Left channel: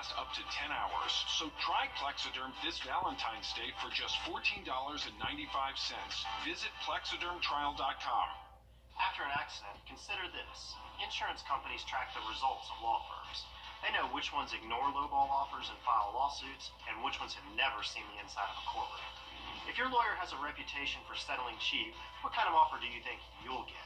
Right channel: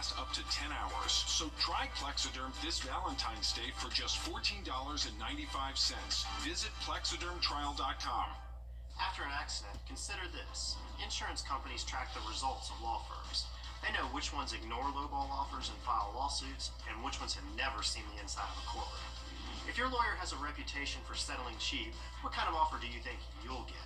last up to 10 hours. So try Plexiderm this Valentine's Day for just $14.95. Visit plexidermtrial.com. After an accident, consider this. Insurance companies track the results of law firms. They know which ones ignore lowball offers and file lawsuits, and which ones have never seen the inside of a courtroom. If your lawyer has a reputation for settling cheap, what kind of offer do you think you'll get?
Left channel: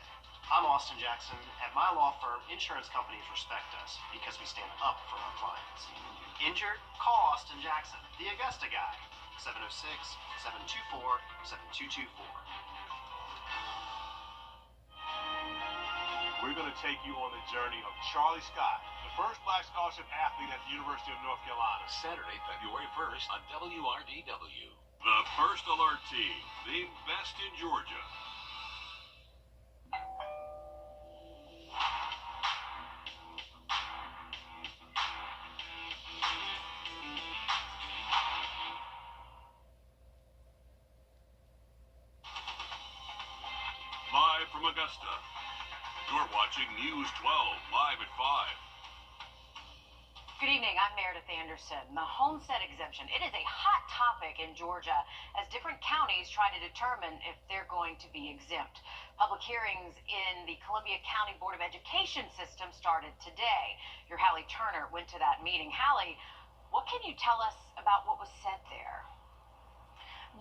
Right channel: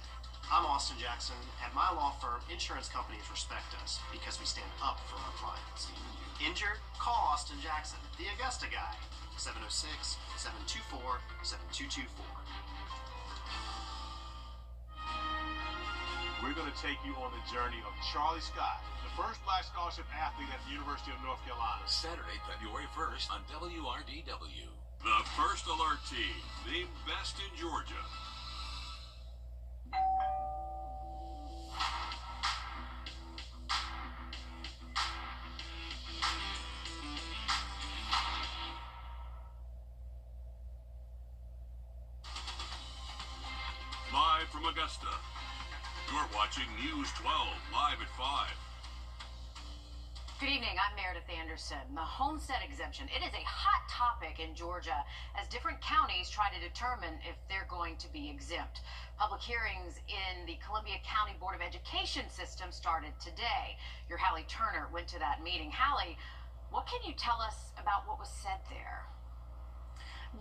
I'm Austin Jackson. At my law firm, insurance companies respect us because we stand up for our clients. Injured? Call Austin Jackson, the Augusta guy. 706-724-7224. We're going to take you on the journey of Charlie Scott, the first black scholarship athlete at the University of North Carolina. Saturday, February 1st on WRDW. The First Alert Team, named best in Georgia. Live from Augusta, you're watching News 12, live at 5. Good evening, I'm Meredith Anderson. The homestead exemption, it is a hot topic in Georgia as different counties try to determine if they're going to be exempt. Public hearings in the Columbia County Board of Education system started today. Your Hallie Turner went to that meeting. Hallie, what can you tell us about what was said there?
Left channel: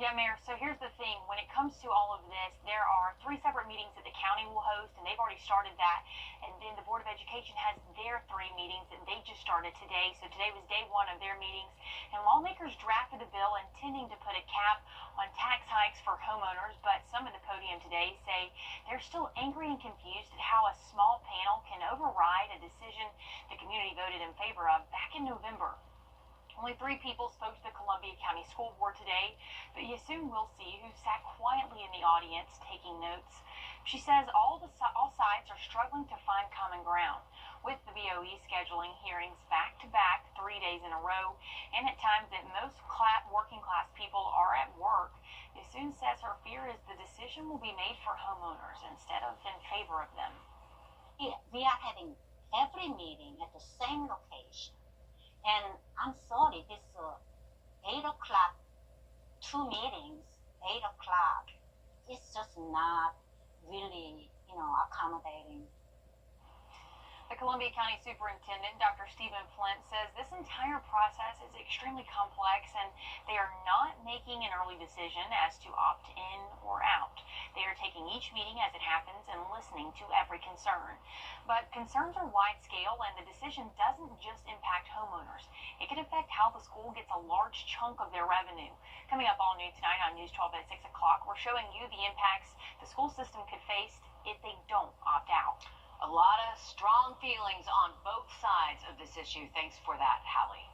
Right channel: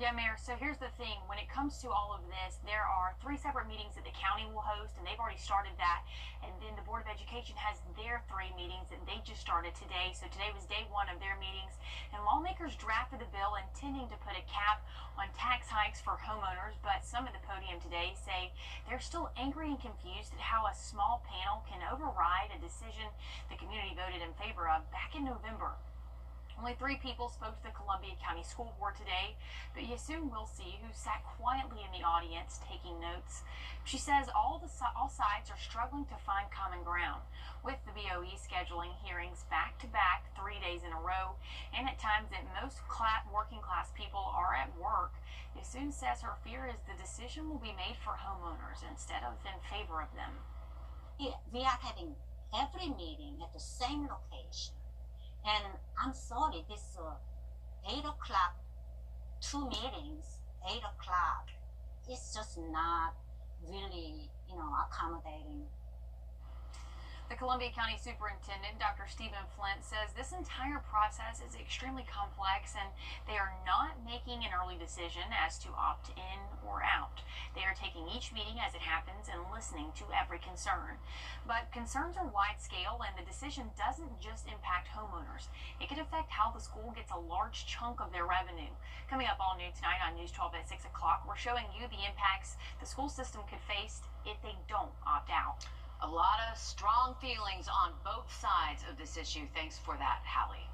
Yeah, Mayor, so here's the thing. When it comes to all of this, there are 3 separate meetings that the county will host, and they've already started that. And then the Board of Education has their 3 meetings, and they just started today. So today was day 1 of their meetings. And lawmakers drafted a bill intending to put a cap on tax hikes for homeowners, but some at the podium today say they're still angry and confused at how a small panel can override a decision the community voted in favor of back in November. Only 3 people spoke to the Columbia County School Board today, but you soon will see who sat quietly in the audience taking notes. She says all sides are struggling to find common ground, with the BOE scheduling hearings back-to-back 3 days in a row, and at times that most working-class people are at work. Yassoon says her fear is the decision will be made for homeowners instead of in favor of them. Yeah, we are having every meeting at the same location. And I'm sorry, this 8 o'clock, 2 meetings, 8 o'clock, it's just not really, accommodating. The Columbia County Superintendent, Dr. Stephen Flint, says this entire process is extremely complex and they are not making an early decision as to opt in or out. They are taking each meeting as it happens and listening to every concern. But concerns are wide scale and the decision doesn't just impact homeowners. It could affect how the school gets a large chunk of their revenue. Coming up all new tonight on News 12 at 6 o'clock, we're showing you the impacts the school system could face if they don't opt out. A lot of strong feelings on both sides of this issue. Thanks for that, Hallie.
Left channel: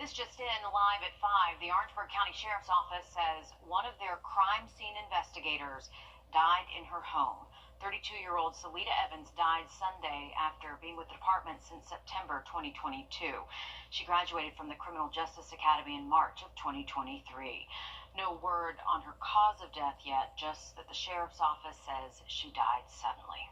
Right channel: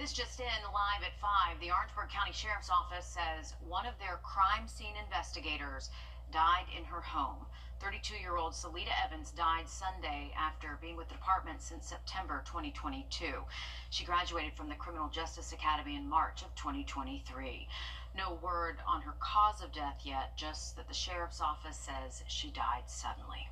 This just in, live at 5, the Orangeburg County Sheriff's Office says one of their crime scene investigators died in her home. 32-year-old Salita Evans died Sunday after being with the department since September 2022. She graduated from the Criminal Justice Academy in March of 2023. No word on her cause of death yet, just that the sheriff's office says she died suddenly.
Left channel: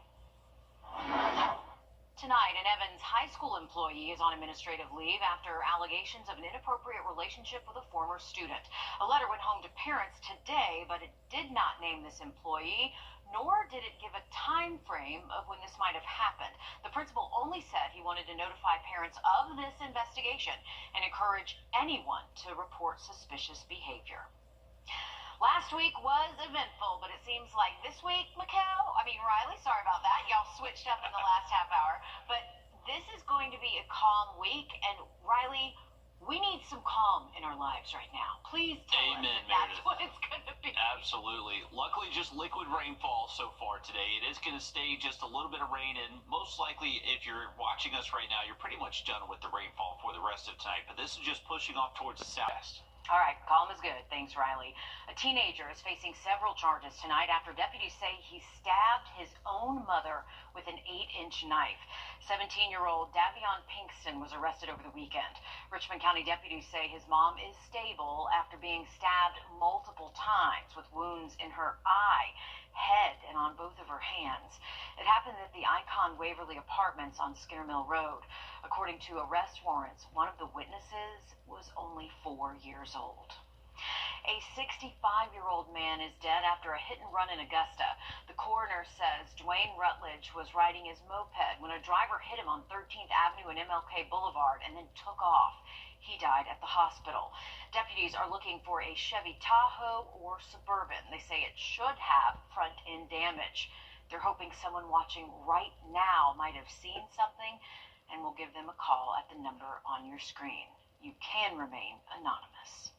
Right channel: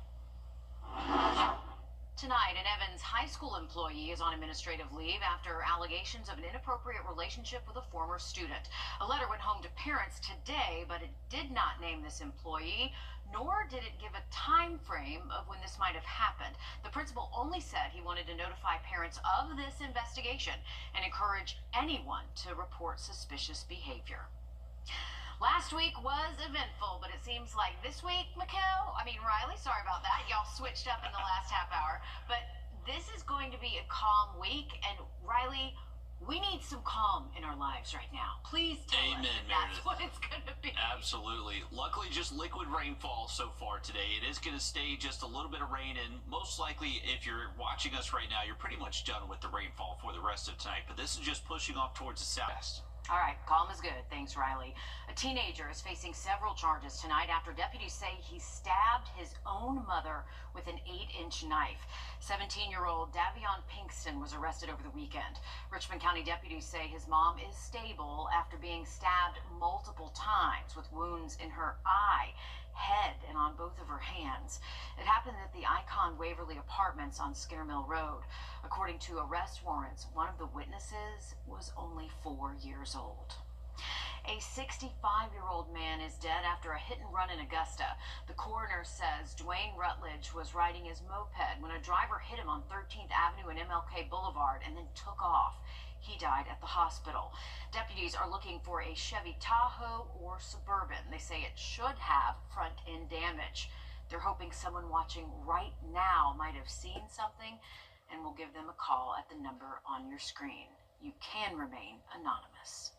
Tonight, an Evans high school employee is on administrative leave after allegations of an inappropriate relationship with a former student. A letter went home to parents today, but it did not name this employee, nor did it give a time frame of when this might have happened. The principal only said he wanted to notify parents of this investigation and encourage anyone to report suspicious behavior. Last week was eventful, but it seems like this week, Riley, sorry about that. Y'all switched up in the last half hour. But this is going to be a calm week. And Riley, we need some calm in our lives right now. Please tell us if that's what it's going to be. Absolutely. Luckily, just liquid rainfall so far today. It is going to stay just a little bit of rain, and most likely, if you're watching us right now, you're pretty much done with the rainfall for the rest of tonight. But this is just pushing off towards the south. All right, calm is good. Thanks, Riley. A teenager is facing several charges tonight after deputies say he stabbed his own mother with an 8-inch knife. 17-year-old Davion Pinkston Anderson was arrested over the weekend. Richmond County deputies say his mom is stable after being stabbed multiple times with wounds in her eye, head, and on both of her hands. It happened at the Icon Waverly Apartments on Skinner Mill Road. According to arrest warrants, one of the witnesses was only 4 years old. A 65-year-old man is dead after a hit and run in Augusta. The coroner says Dwayne Rutledge was riding his moped when a driver hit him on 13th Avenue and MLK Boulevard and then took off. He died at the hospital. Deputies are looking for a Chevy Tahoe or Suburban. They say it should have front-end damage. They're hoping someone watching right now might have seen something and will give them a call at the number on your screen. You can remain anonymous.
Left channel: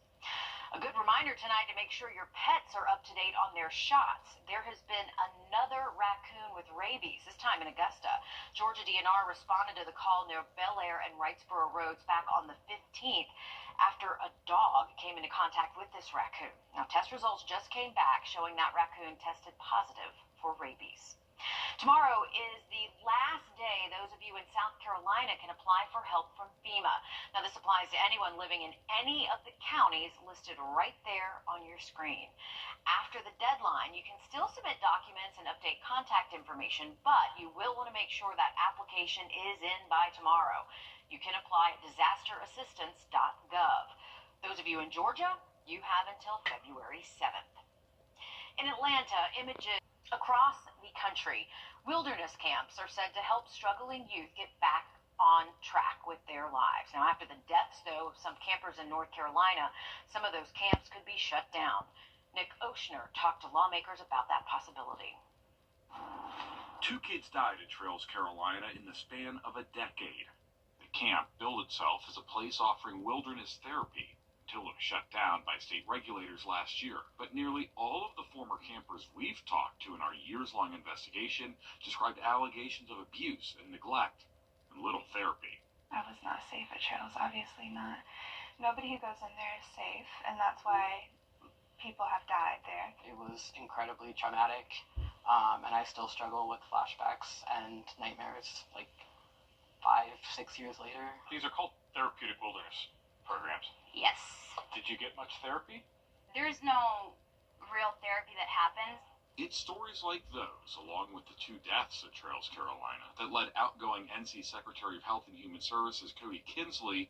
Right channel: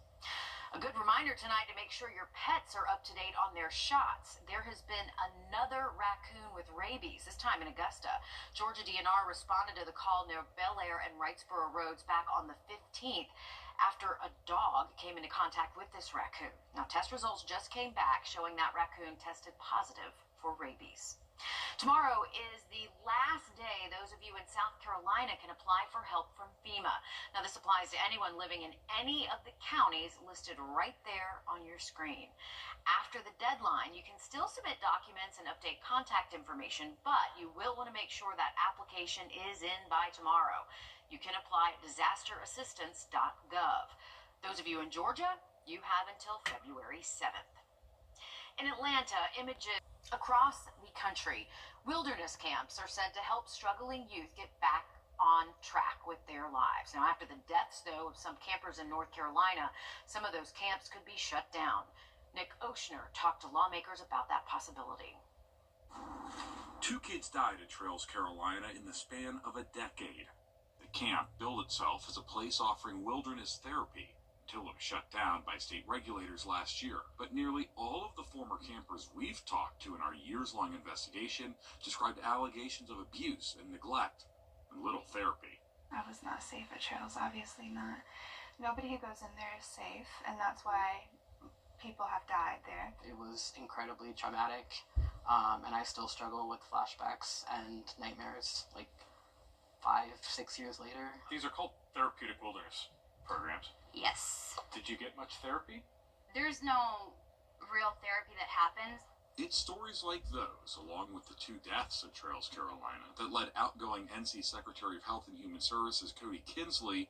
A good reminder tonight to make sure your pets are up to date on their shots. There has been another raccoon with rabies, this time in Augusta. Georgia DNR responded to the call near Bel Air and Wrightsboro Roads back on the 15th after a dog came into contact with this raccoon. Now, test results just came back showing that raccoon tested positive for rabies. Tomorrow is the last day those of you in South Carolina can apply for help from FEMA. Now, this applies to anyone living in any of the counties listed right there on your screen. After the deadline, you can still submit documents and update contact information, but you will want to make sure that application is in by tomorrow. You can apply at disasterassistance.gov. Those of you in Georgia, you have until February 7th. In Atlanta, images across the country, wilderness camps are said to help struggling youth get back on track with their lives. Now, after the deaths, though, of some campers in North Carolina, some of those camps could be shut down. Nick Oshner talked to lawmakers about that possibility. 2 kids died at Trails, Carolina in the span of a decade. The camp billed itself as a place offering wilderness therapy until it was shut down by state regulators last year. But nearly all of the former campers we've talked to in our years-long investigation described allegations of abuse and neglect and little therapy. I was not safe at Trails, obviously not. Nobody who goes in there is safe, and that's why people have died there. It was incredibly traumatic, and I still struggle with flashbacks and nightmares like 5-6 years later. These are called therapeutic wilderness programs. Yes. Did you get much therapy? There's no real therapy that happens. It's stories like those, along with the 2 deaths at Trails, Carolina, that led outgoing NC Secretary of Health and Human Services Cody Kinsley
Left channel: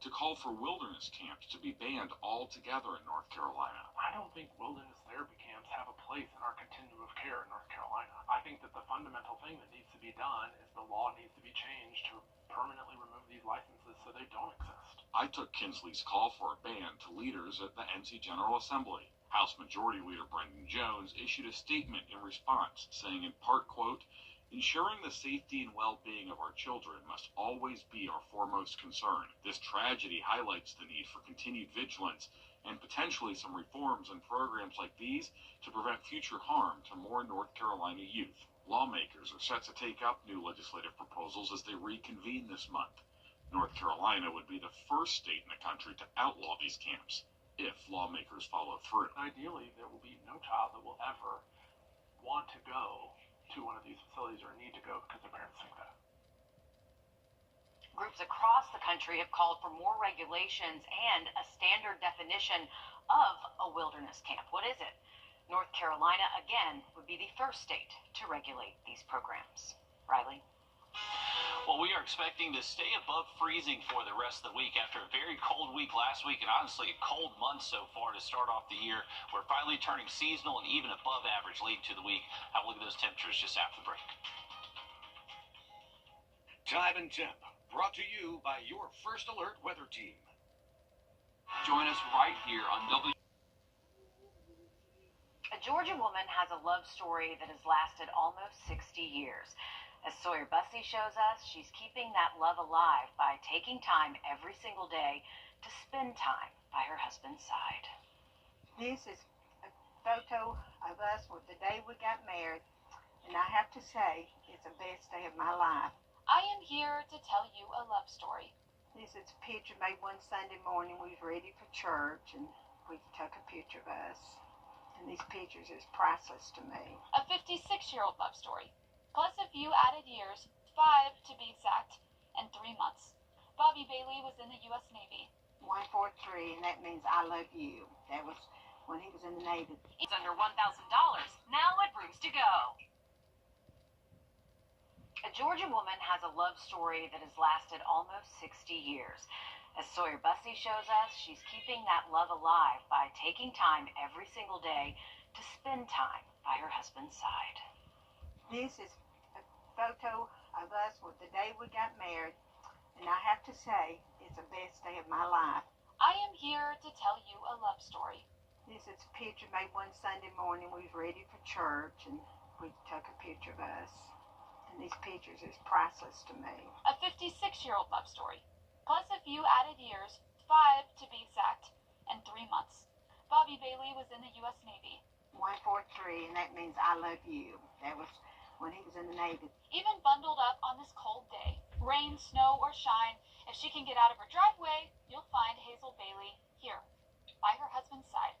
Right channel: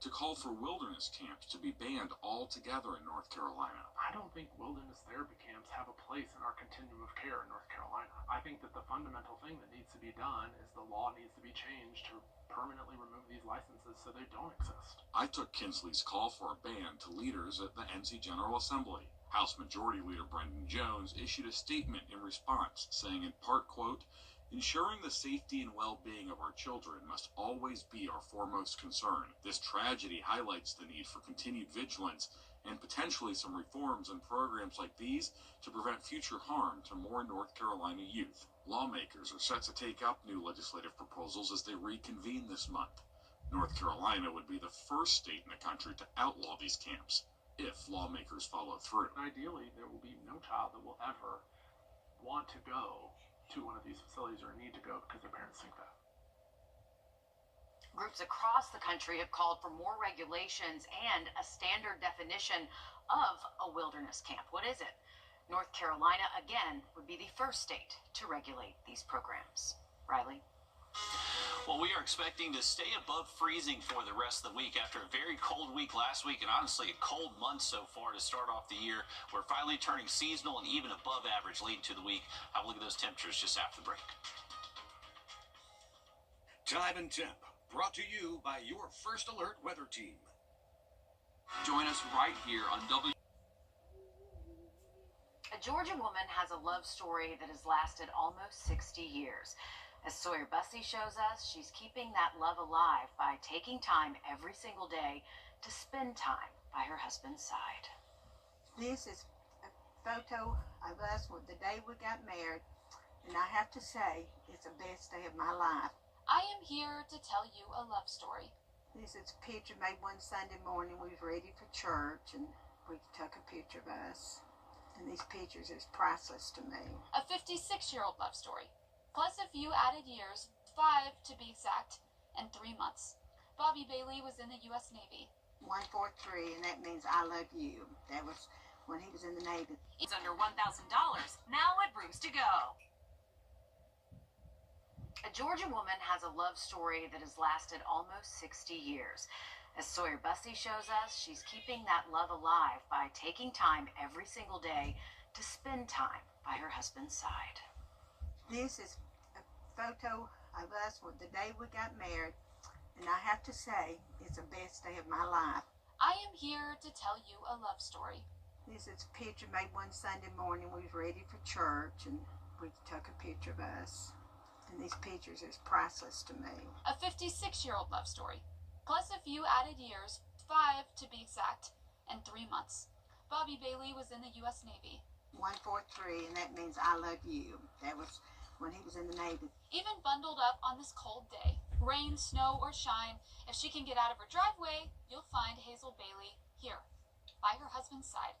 to call for wilderness camps to be banned altogether in North Carolina. I don't think wilderness therapy camps have a place in our continuum of care in North Carolina. I think that the fundamental thing that needs to be done is the law needs to be changed to permanently remove these licenses so they don't exist. I took Kinsley's call for a ban to leaders at the NC General Assembly. House Majority Leader Brendan Jones issued a statement in response, saying in part, quote, "Ensuring the safety and well-being of our children must always be our foremost concern. This tragedy highlights the need for continued vigilance and potentially some reforms and programs like these to prevent future harm to more North Carolina youth." Lawmakers are set to take up new legislative proposals as they reconvene this month. North Carolina would be the first state in the country to outlaw these camps if lawmakers follow through. Ideally, there will be no child that will ever want to go to one of these facilities or need to go because their parents think that. Groups across the country have called for more regulations and a standard definition of a wilderness camp. What is it? North Carolina, again, would be the first state to regulate these programs. Riley? Well, we are expecting to stay above freezing for the rest of the week after a very cold week last week and honestly a cold month so far to start off the year. We're finally turning seasonal and even above average leading to the week. Have a look at those temperatures just after the break. Time and Temp, brought to you by your First Alert weather team. Join us right here on W. A Georgia woman has a love story that has lasted almost 60 years. As Sawyer Bussey shows us, she's keeping that love alive by taking time every single day to spend time by her husband's side. This is a photo of us with the day we got married, and I have to say, it's the best day of my life. I am here to tell you a love story. This is a picture made one Sunday morning. We was ready for church, and we took a picture of us. And these pictures is priceless to me. A 56-year-old love story, plus a few added years, 5 to be exact, and 3 months. Bobby Bailey was in the U.S. Navy. 143, and that means I love you. That was when he was in the Navy. It's under $1,000. Now at Rooms to Go. A Georgia woman has a love story that has lasted almost 60 years. As Sawyer Bussey shows us, she's keeping that love alive by taking time every single day to spend time by her husband's side. This is a photo of us with the day we got married, and I have to say, it's the best day of my life. I am here to tell you a love story. This is a picture made one Sunday morning. We was ready for church, and we took a picture of us. And these pictures is priceless to me. A 56-year-old love story, plus a few added years, 5 to be exact, and 3 months. Bobby Bailey was in the U.S. Navy. 143, and that means I love you. That was when he was in the Navy. Even bundled up on this cold day, rain, snow, or shine, if she can get out of her driveway, you'll find Hazel Bailey here, by her husband's side.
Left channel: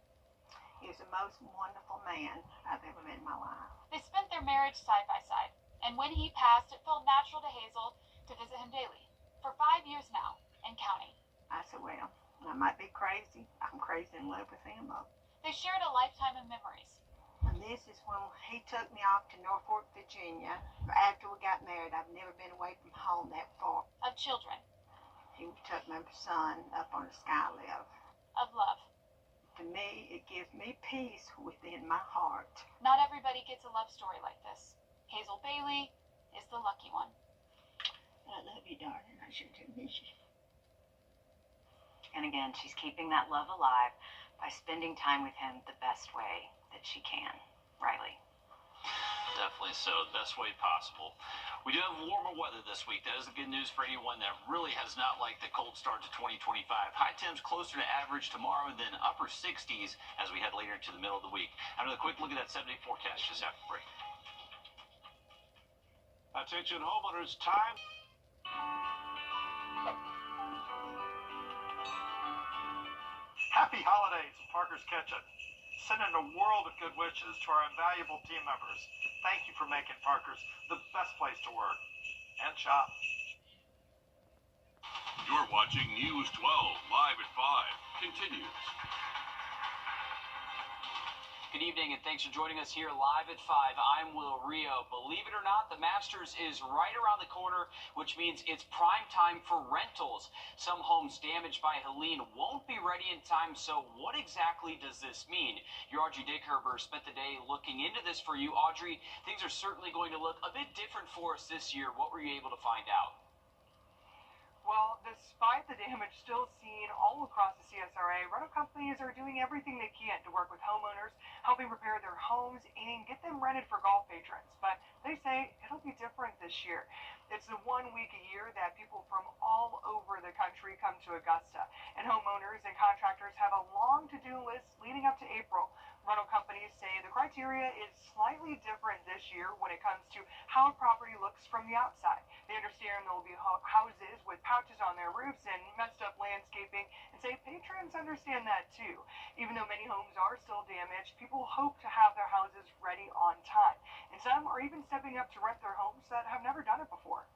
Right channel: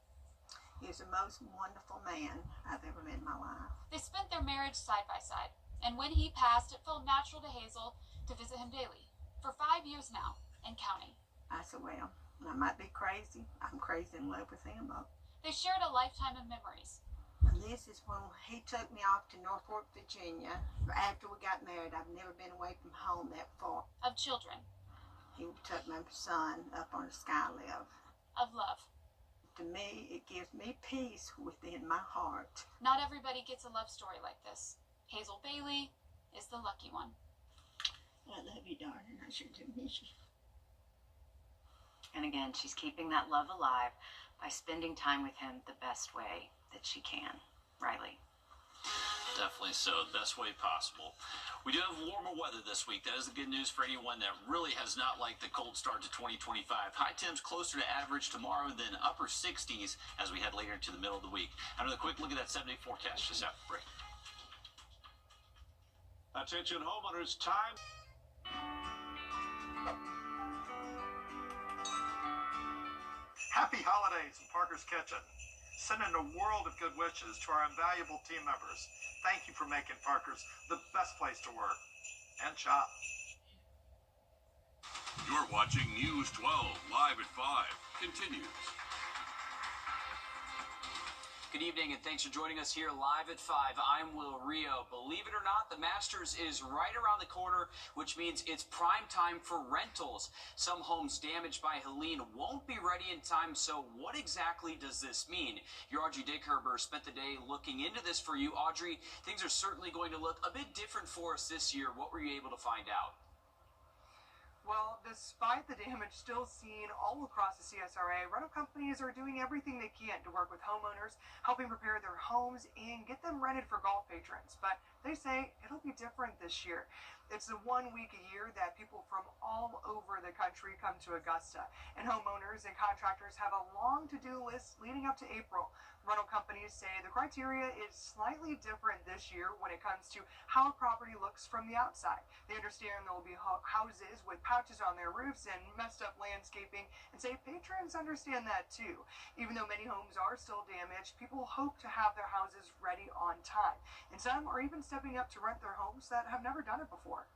He was the most wonderful man I've ever met in my life. They spent their marriage side by side, and when he passed, it felt natural to Hazel to visit him daily, for 5 years now, and counting. I said, well, I might be crazy. I'm crazy in love with him, though. They shared a lifetime of memories. And this is when he took me off to Norfolk, Virginia. After we got married, I've never been away from home that far. Of children. He took my son up on a sky lift. Of love. To me, it gives me peace within my heart. Not everybody gets a love story like this. Hazel Bailey is the lucky one. I love you, darling. I sure do miss you. And again, she's keeping that love alive by spending time with him the best way that she can. Riley. Definitely so, the best way possible. We do have warmer weather this week. That is the good news for anyone that really has not liked the cold start to 2025. High temps closer to average tomorrow than upper 60s as we head later into the middle of the week. Another quick look at that 7-day forecast just after break. Attention homeowners, time. Happy holidays from Parker's Kitchen. Sending a world of good wishes to our invaluable team members. Thank you for making Parker's the best place to work and shop. You're watching News 12 live at 5. Continues. Good evening and thanks for joining us here live at 5. I'm Will Rio. Believe it or not, the Masters is right around the corner, which means it's prime time for rentals. Some homes damaged by Helene won't be ready in time, so what exactly does this mean? Your Audrey Dickherber spent the day looking into this for you. Audrey, things are certainly going to look a bit different for us this year. What were you able to find out? Well, despite the damage still seen all across the CSRA, rental companies are doing everything they can to work with homeowners, helping repair their homes and get them rented for golf patrons. But they say it'll be different this year. It's the 1 week a year that people from all over the country come to Augusta, and homeowners and contractors have a long to-do list leading up to April. Rental companies say the criteria is slightly different this year when it comes to how a property looks from the outside. They understand there will be houses with pouches on their roofs and messed up landscaping, and say patrons understand that too. Even though many homes are still damaged, people hope to have their houses ready on time, and some are even stepping up to rent their homes that have never done it before.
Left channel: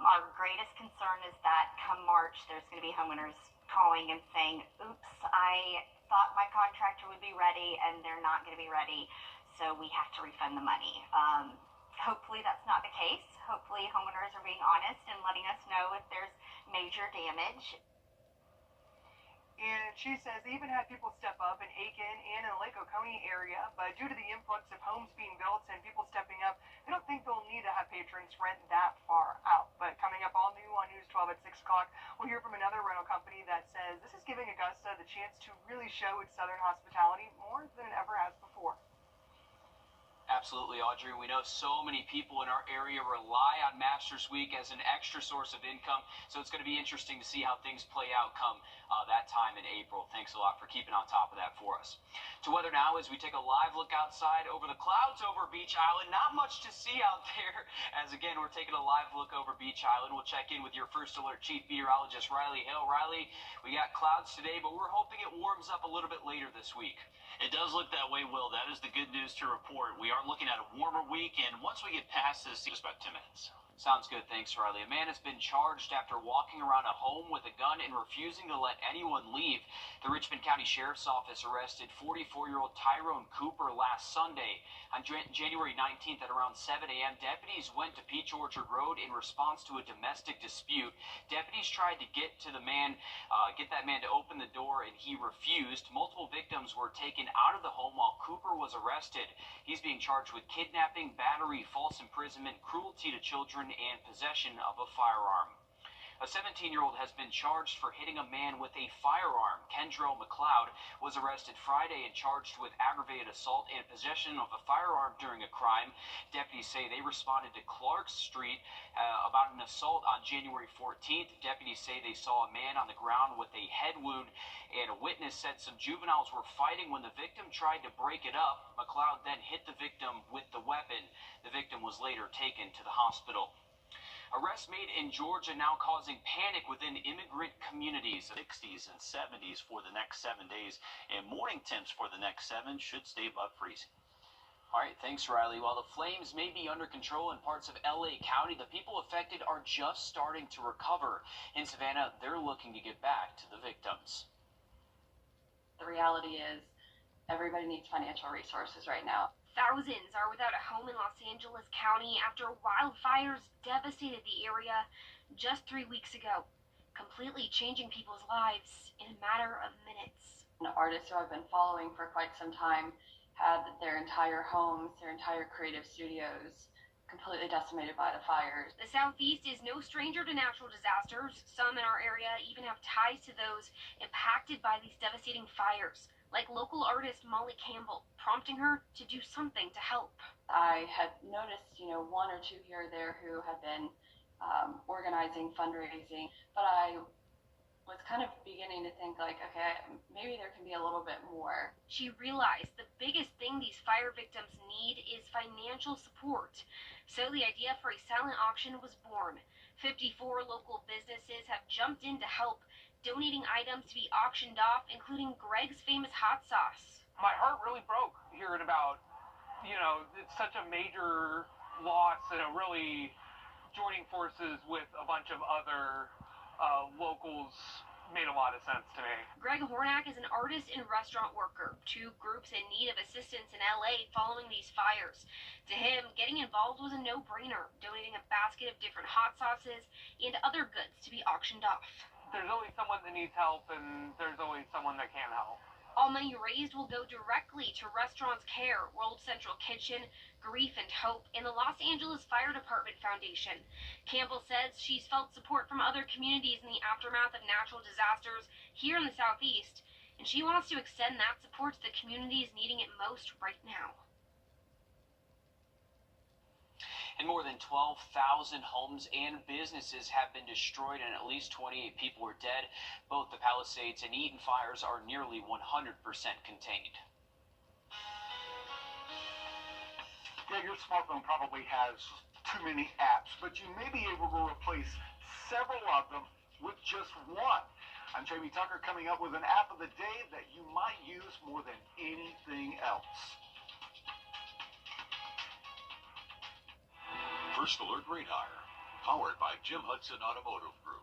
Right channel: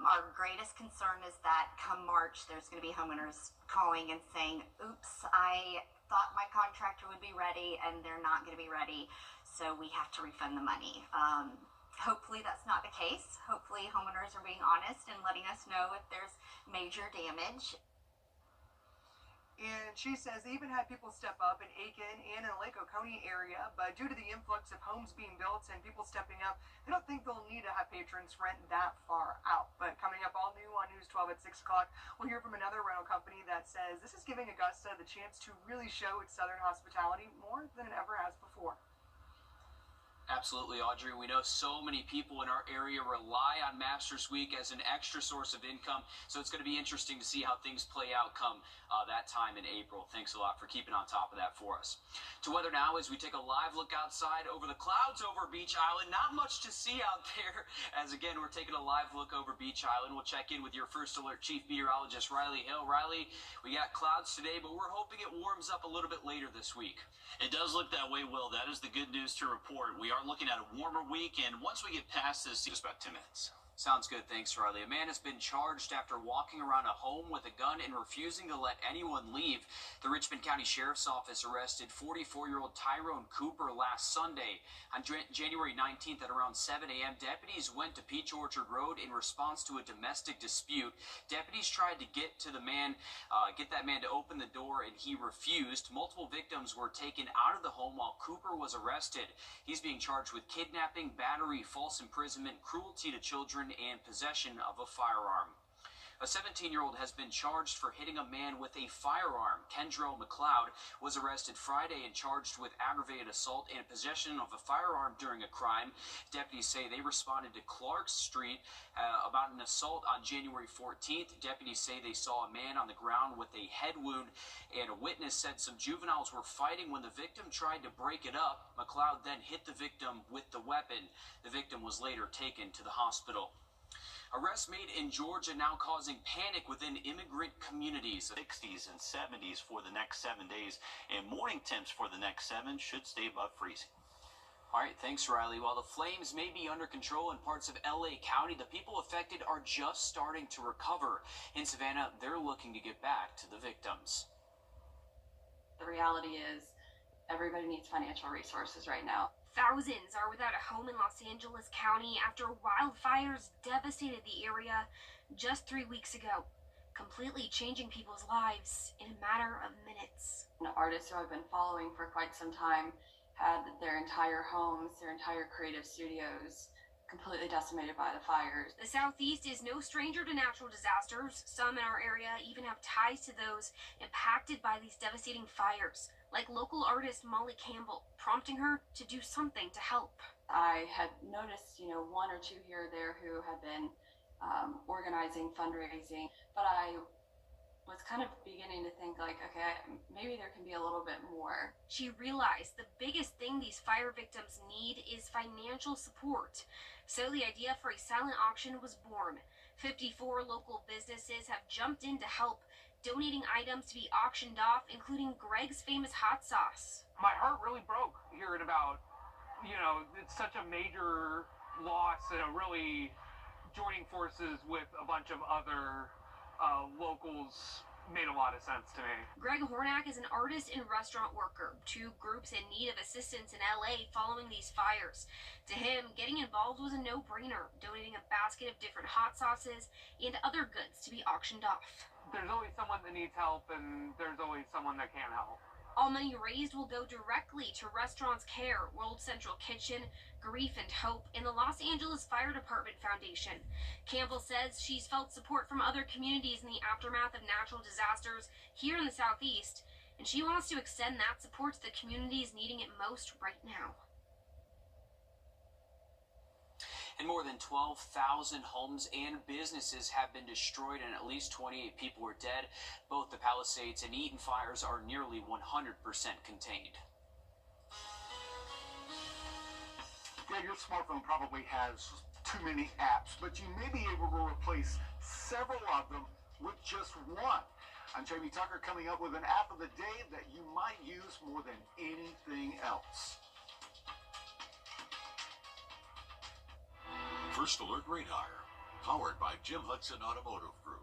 Our greatest concern is that come March, there's going to be homeowners calling and saying, oops, I thought my contractor would be ready and they're not going to be ready, so we have to refund the money. Hopefully that's not the case. Hopefully homeowners are being honest and letting us know if there's major damage. And she says they even had people step up in Aiken and in the Lake Oconee area, but due to the influx of homes being built and people stepping up, they don't think they'll need to have patrons rent that far out. But coming up all new on News 12 at 6 o'clock, we'll hear from another rental company that says this is giving Augusta the chance to really show its southern hospitality more than it ever has before. Absolutely, Audrey. We know so many people in our area rely on Masters Week as an extra source of income, so it's going to be interesting to see how things play out come that time in April. Thanks a lot for keeping on top of that for us. To weather now as we take a live look outside over the clouds over Beach Island. Not much to see out there, as again, we're taking a live look over Beach Island. We'll check in with your First Alert Chief Meteorologist, Riley Hill. Riley, we got clouds today, but we're hoping it warms up a little bit later this week. It does look that way, Will. That is the good news to report. We are looking at a warmer week, and once we get past this, just about 10 minutes. Sounds good. Thanks, Riley. A man has been charged after walking around a home with a gun and refusing to let anyone leave. The Richmond County Sheriff's Office arrested 44-year-old Tyrone Cooper last Sunday. On January 19th at around 7 a.m., deputies went to Peach Orchard Road in response to a domestic dispute. Deputies tried to get that man to open the door, and he refused. Multiple victims were taken out of the home while Cooper was arrested. He's being charged with kidnapping, battery, false imprisonment, cruelty to children, and possession of a firearm. A 17-year-old has been charged for hitting a man with a firearm. Kendrell McLeod was arrested Friday and charged with aggravated assault and possession of a firearm during a crime. Deputies say they responded to Clark Street about an assault on January 14th. Deputies say they saw a man on the ground with a head wound, and a witness said some juveniles were fighting when the victim tried to break it up. McLeod then hit the victim with the weapon. The victim was later taken to the hospital. Arrests made in Georgia now causing panic within immigrant communities. 60s and 70s for the next 7 days, and morning temps for the next 7 should stay above freezing. All right, thanks, Riley. While the flames may be under control in parts of LA County, the people affected are just starting to recover. In Savannah, they're looking to get back to the victims. The reality is everybody needs financial resources right now. Thousands are without a home in Los Angeles County after wildfires devastated the area just 3 weeks ago, completely changing people's lives in a matter of minutes. Artists who I've been following for quite some time had their entire homes, their entire creative studios completely decimated by the fires. The Southeast is no stranger to natural disasters. Some in our area even have ties to those impacted by these devastating fires, like local artist Molly Campbell, prompting her to do something to help. I had noticed, one or two here or there who had been organizing, fundraising, but I was kind of beginning to think okay, maybe there can be a little bit more. She realized the biggest thing these fire victims need is financial support. So the idea for a silent auction was born. 54 local businesses have jumped in to help, donating items to be auctioned off, including Greg's famous hot sauce. My heart really broke hearing about, it's such a major loss, and really joining forces with a bunch of other locals made a lot of sense to me. Greg Hornak is an artist and restaurant worker, two groups in need of assistance in LA following these fires. To him, getting involved was a no-brainer, donating a basket of different hot sauces and other goods to be auctioned off. There's always someone that needs help, and there's always someone that can't help. All money raised will go directly to Restaurants Care, World Central Kitchen, Grief and Hope, and the Los Angeles Fire Department Foundation. Campbell says she's felt support from other communities in the aftermath of natural disasters here in the Southeast, and she wants to extend that support to the communities needing it most right now. And more than 12,000 homes and businesses have been destroyed, and at least 28 people were dead. Both the Palisades and Eaton fires are nearly 100% contained. Yeah, your smartphone probably has too many apps, but you may be able to replace several of them with just one. I'm Jamie Tucker, coming up with an app of the day that you might use more than anything else. First Alert Radar, powered by Jim Hudson Automotive Group.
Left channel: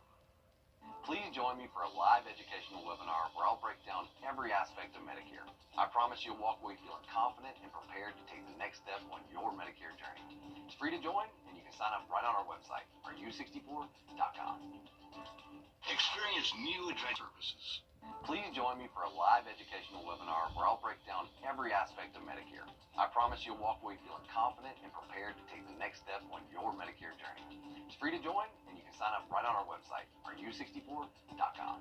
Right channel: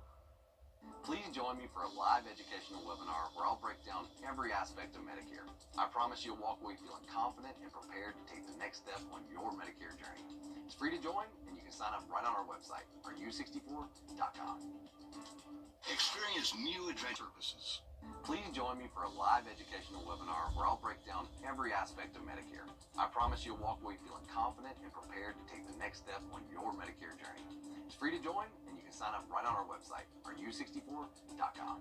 Please join me for a live educational webinar where I'll break down every aspect of Medicare. I promise you'll walk away feeling confident and prepared to take the next step on your Medicare journey. It's free to join, and you can sign up right on our website, Wrdw64.com. Experience new advanced services. Please join me for a live educational webinar where I'll break down every aspect of Medicare. I promise you'll walk away feeling confident and prepared to take the next step on your Medicare journey. It's free to join, and you can sign up right on our website, Wrdw64.com.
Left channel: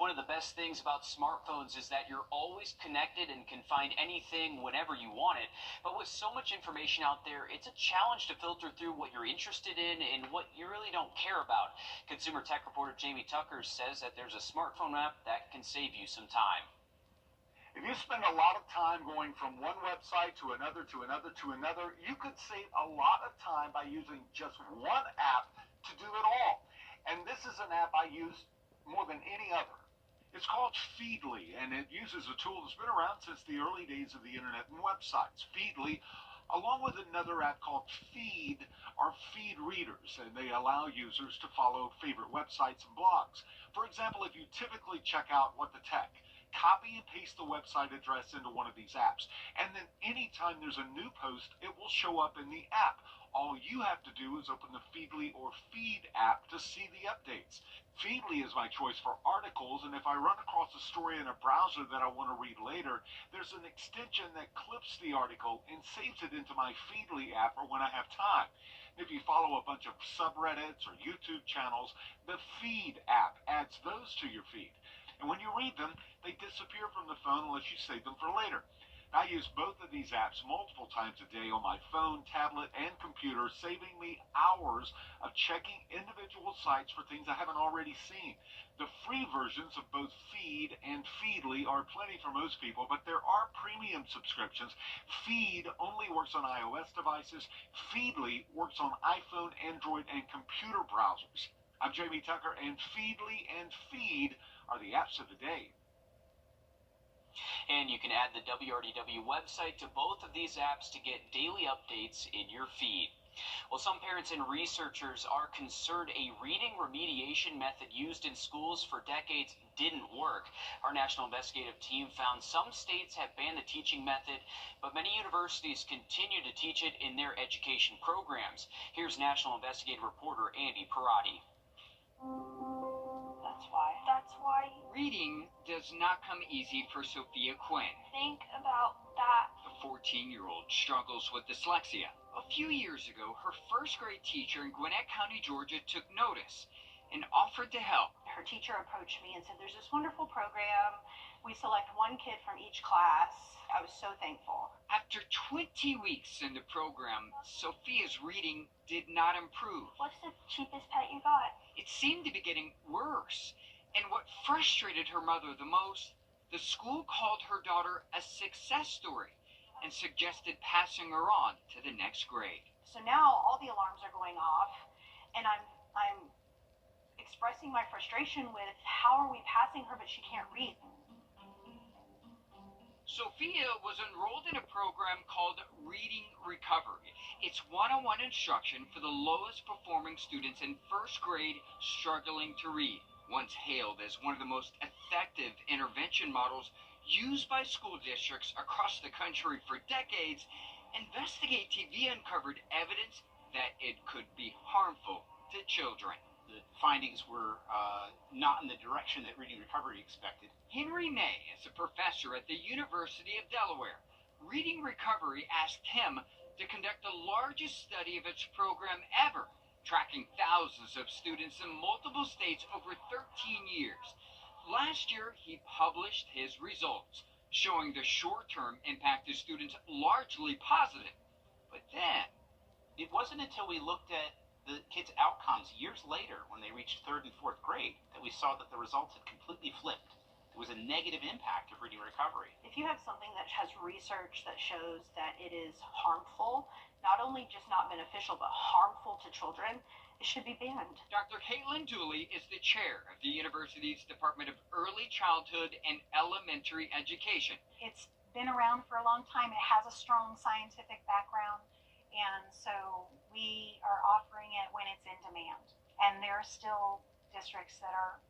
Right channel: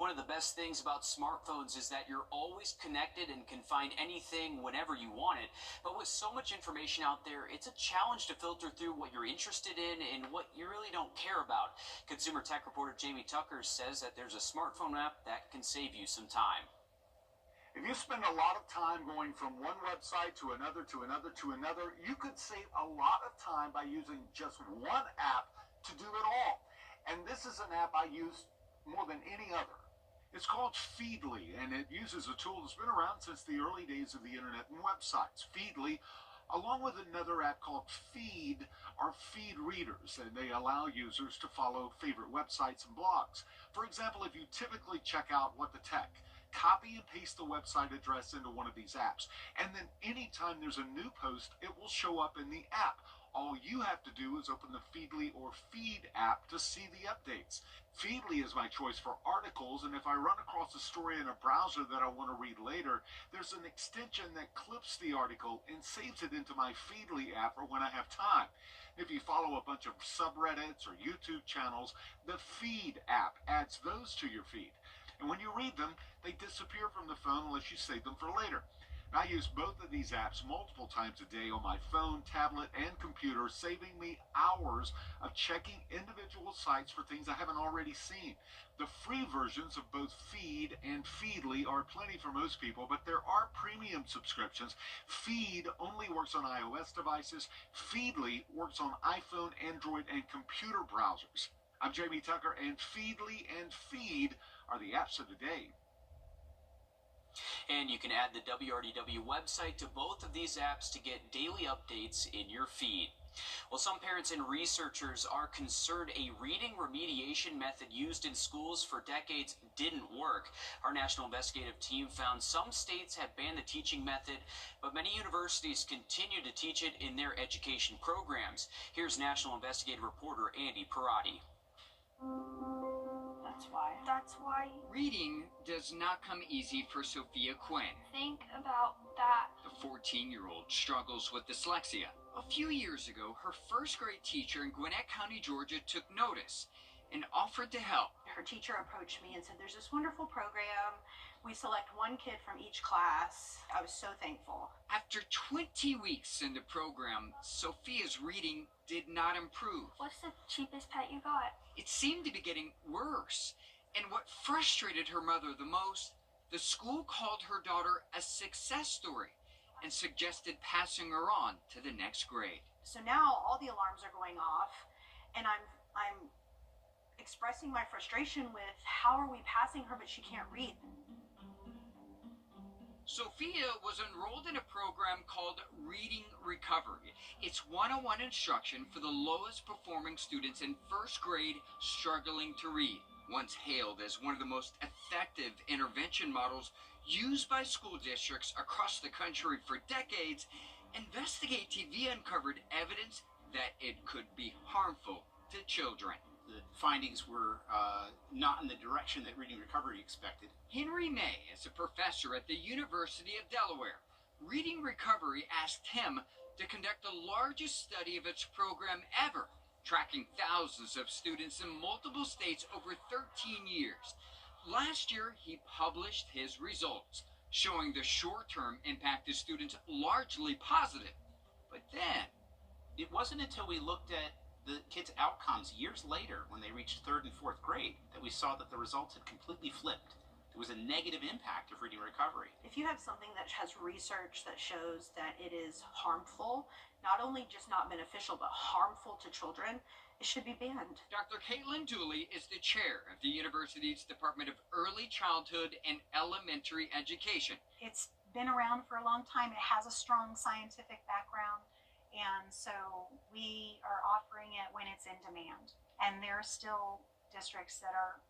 One of the best things about smartphones is that you're always connected and can find anything whenever you want it. But with so much information out there, it's a challenge to filter through what you're interested in and what you really don't care about. Consumer tech reporter Jamie Tucker says that there's a smartphone app that can save you some time. If you spend a lot of time going from one website to another, you could save a lot of time by using just one app to do it all. And this is an app I use more than any other. It's called Feedly, and it uses a tool that's been around since the early days of the internet and websites. Feedly along with another app called Feed, are feed readers, and they allow users to follow favorite websites and blogs. For example, if you typically check out What the Tech, copy and paste the website address into one of these apps, and then anytime there's a new post, it will show up in the app. All you have to do is open the Feedly or Feed app to see the updates. Feedly is my choice for articles, and if I run across a story in a browser that I want to read later, there's an extension that clips the article and saves it into my Feedly app for when I have time. If you follow a bunch of subreddits or YouTube channels, the Feed app adds those to your feed. And when you read them, they disappear from the phone unless you save them for later. I use both of these apps multiple times a day on my phone, tablet, and computer, saving me hours of checking individual sites for things I haven't already seen. The free versions of both Feed and Feedly are plenty for most people, but there are premium subscriptions. Feed only works on iOS devices. Feedly works on iPhone, Android, and computer browsers. I'm Jamie Tucker, and Feedly and Feed are the apps of the day. And you can add the WRDW website to both of these apps to get daily updates in your feed. Well, some parents and researchers are concerned a reading remediation method used in schools for decades didn't work. Our national investigative team found some states have banned the teaching method, but many universities continue to teach it in their education programs. Here's national investigative reporter Andy Parati. That's why. Reading does not come easy for Sophia Quinn. Think about that. The 14-year-old struggles with dyslexia. A few years ago, her first grade teacher in Gwinnett County, Georgia, took notice and offered to help. Her teacher approached me and said, there's this wonderful program. We select one kid from each class. I was so thankful. After 20 weeks in the program, Sophia's reading did not improve. What's the cheapest pet you got? It seemed to be getting worse. And what frustrated her mother the most, the school called her daughter a success story and suggested passing her on to the next grade. So now all the alarms are going off, and I'm expressing my frustration with how are we passing her but she can't read. Sophia was enrolled in a program called Reading Recovery. It's one-on-one instruction for the lowest performing students in first grade struggling to read. Once hailed as one of the most effective intervention models used by school districts across the country for decades, Investigate TV uncovered evidence that it could be harmful to children. The findings were not in the direction that Reading Recovery expected. Henry May is a professor at the University of Delaware. Reading Recovery asked him to conduct the largest study of its program ever, tracking thousands of students in multiple states over 13 years. Last year, he published his results, showing the short-term impact of students largely positive. But then, it wasn't until we looked at the kids' outcomes years later, when they reached 3rd and 4th grade, that we saw that the results had completely flipped. There was a negative impact of Reading Recovery. If you have something that has research that shows that it is harmful, not only just not beneficial, but harmful to children, it should be banned. Dr. Caitlin Dooley is the chair of the university's Department of Early Childhood and Elementary Education. It's been around for a long time. It has a strong scientific background, and so we are offering it when it's in demand. And there are still districts that are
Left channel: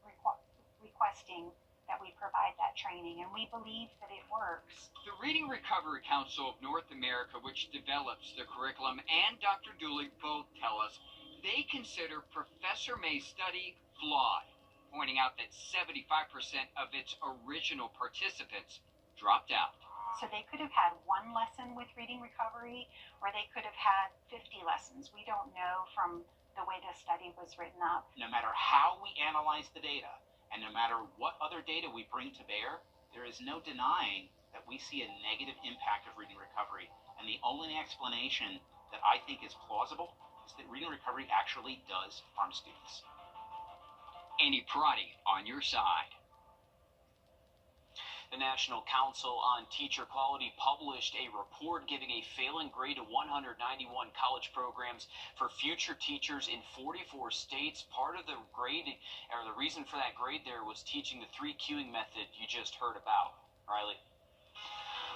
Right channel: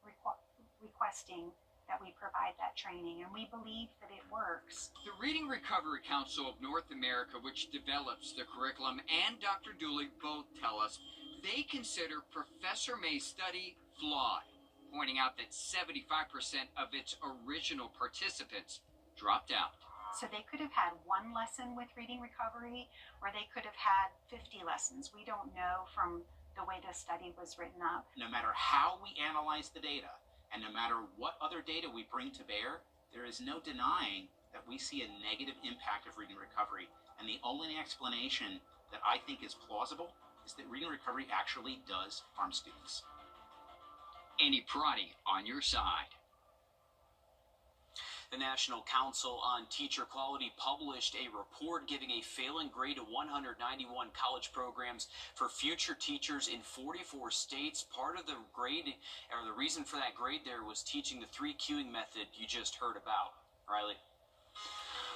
requesting that we provide that training, and we believe that it works. The Reading Recovery Council of North America, which develops the curriculum, and Dr. Dooley both tell us they consider Professor May's study flawed, pointing out that 75% of its original participants dropped out. So they could have had one lesson with Reading Recovery, or they could have had 50 lessons. We don't know from the way the study was written up. No matter how we analyze the data, and no matter what other data we bring to bear, there is no denying that we see a negative impact of Reading Recovery. And the only explanation that I think is plausible is that Reading Recovery actually does harm students. Andy Parati on your side. The National Council on Teacher Quality published a report giving a failing grade to 191 college programs for future teachers in 44 states. Part of the grade, or the reason for that grade there, was teaching the 3 cueing method you just heard about. Riley?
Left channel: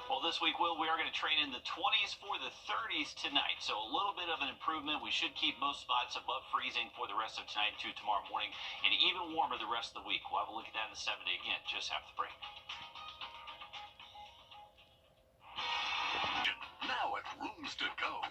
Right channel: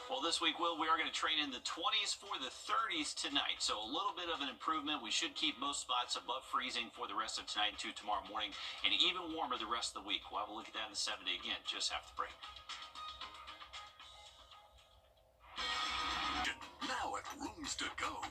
Well, this week, Will, we are going to train in the 20s for the 30s tonight. So a little bit of an improvement. We should keep most spots above freezing for the rest of tonight and tomorrow morning, and even warmer the rest of the week. We'll have a look at that in the 7-day again, just after the break. Now at Rooms to Go.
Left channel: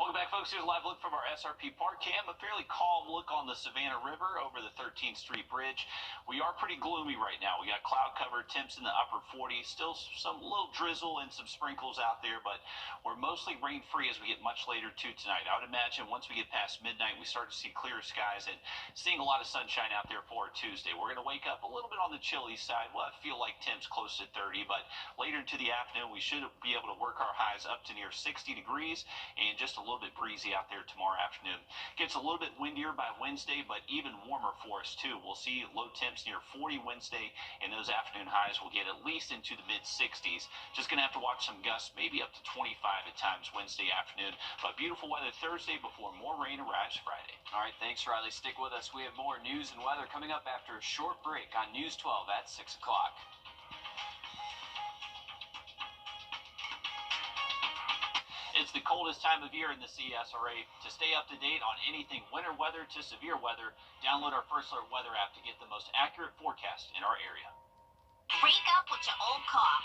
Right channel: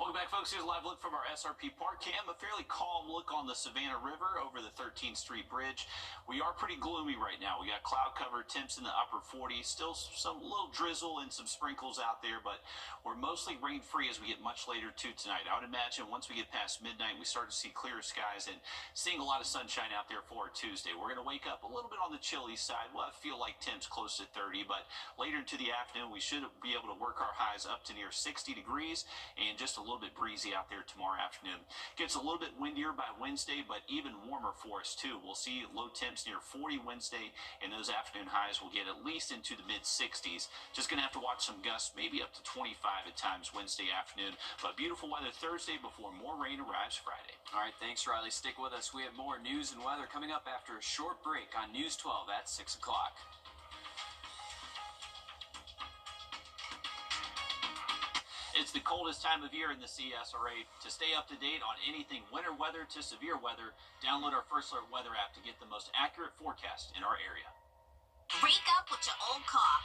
Welcome back, folks. Here's a live look from our SRP Park Cam. A fairly calm look on the Savannah River over the 13th Street Bridge. We are pretty gloomy right now. We got cloud cover, temps in the upper 40s. Still some little drizzle and some sprinkles out there, but we're mostly rain-free as we get much later to tonight. I would imagine once we get past midnight, we start to see clearer skies and seeing a lot of sunshine out there for Tuesday. We're going to wake up a little bit on the chilly side. We'll feel like temps close to 30, but later into the afternoon, we should be able to work our highs up to near 60 degrees and just a little bit breezy out there tomorrow afternoon. Gets a little bit windier by Wednesday, but even warmer for us too. We'll see low temps near 40 Wednesday, and those afternoon highs will get at least into the mid-60s. Just going to have to watch some gusts, maybe up to 25 at times Wednesday afternoon. But beautiful weather Thursday before more rain arrives Friday. All right, thanks, Riley. Stick with us. We have more news and weather coming up after a short break on News 12 at 6 o'clock. It's the coldest time of year in the CSRA. To stay up to date on anything winter weather to severe weather, download our First Alert weather app to get the most accurate forecast in our area. Break up with your old car.